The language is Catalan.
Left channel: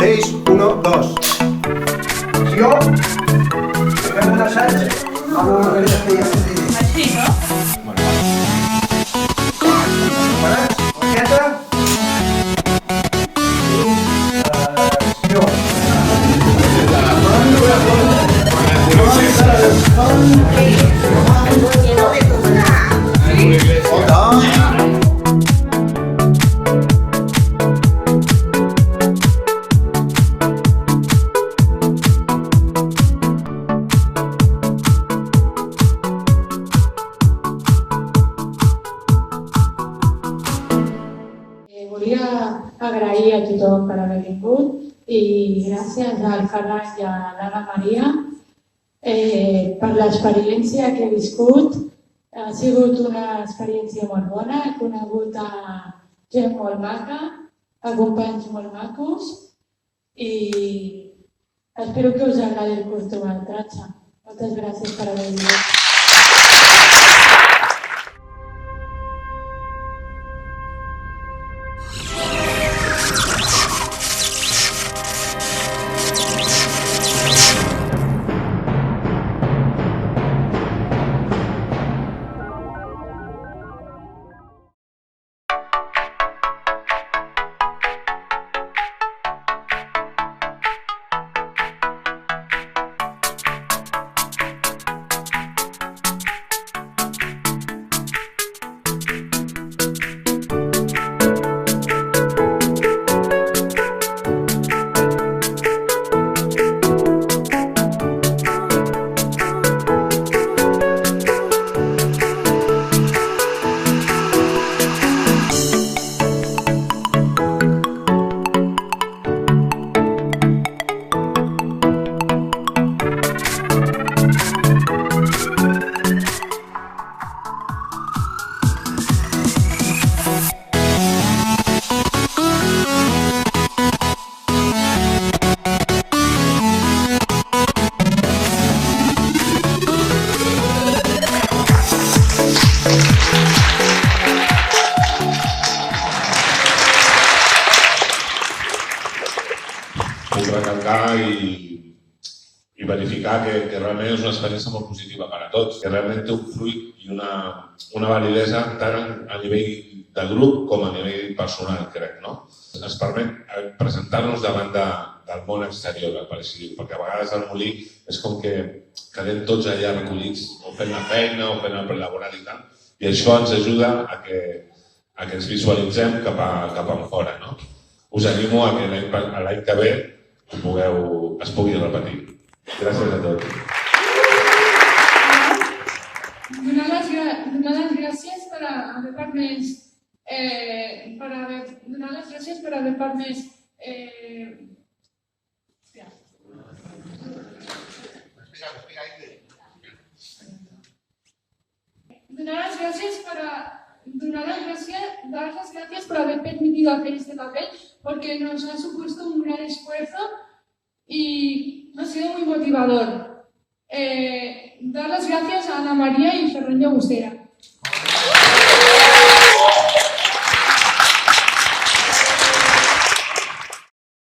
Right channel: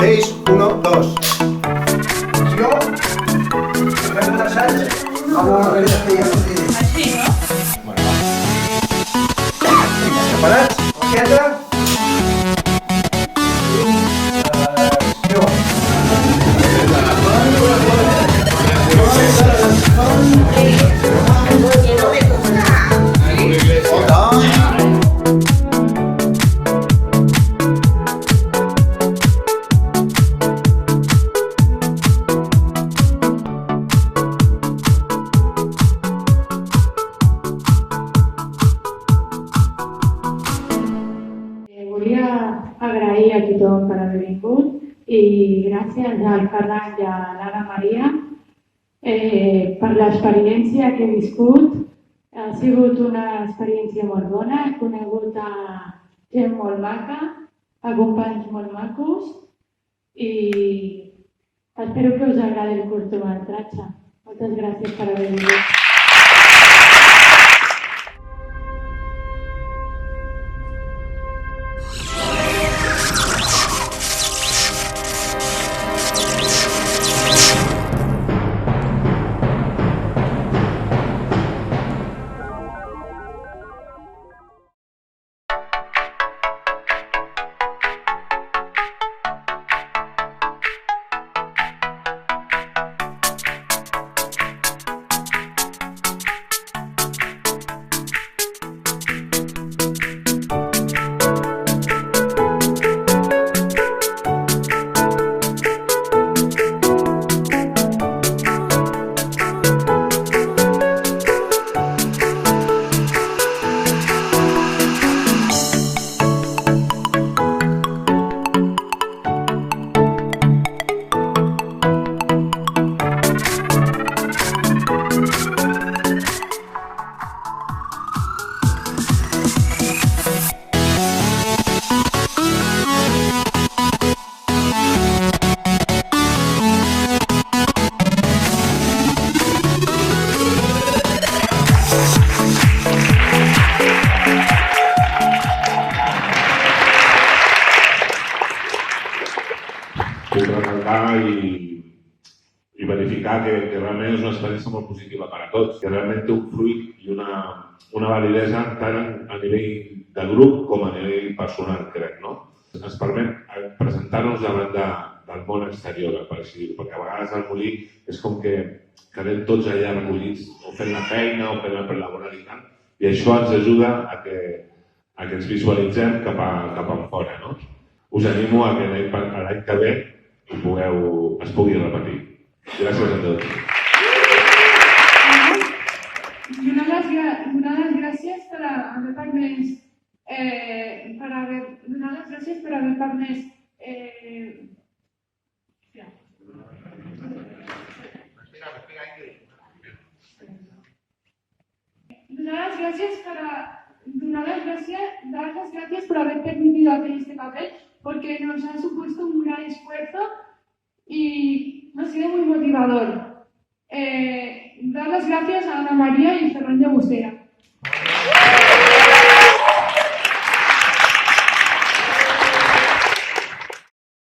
6, 1, 2. Jo fem un assaig amb l'organització que ja us diré. Així, no? Preparats? Orqueta? Acció. Volia agrair a tothom per haver vingut i gràcies al Ferran i a l'Anna Maria per l'experiència que he viscut. Ha sigut una experiència molt bona, he conegut a gent molt maca, a companys molt macos i espero que us agradi el curtmetratge. Moltes gràcies per haver vingut. Puc recalcar i verificar que realment és una experiència molt positiva per a tots, que realment té un fruit i una validesa tant a nivell de grup com a nivell personal, crec, no? Ens permet presentar-nos davant del món exterior, per així dir, perquè a vegades al Molí és com que quedem tots allà recollits o fent la feina o fent el prelaboral i tal, i això ens ajuda a que ens visualitzem cap a fora, no? Us animo a que l'any que ve es pugui repetir. Gràcies a tots. Donar les gràcies per haver permès donar les gràcies per haver permès dar las gracias por haber permitido hacer este papel, porque nos ha supuesto un gran esfuerzo y ha sido muy motivador. Dar las gracias a Ana María y Ferran Llagostera.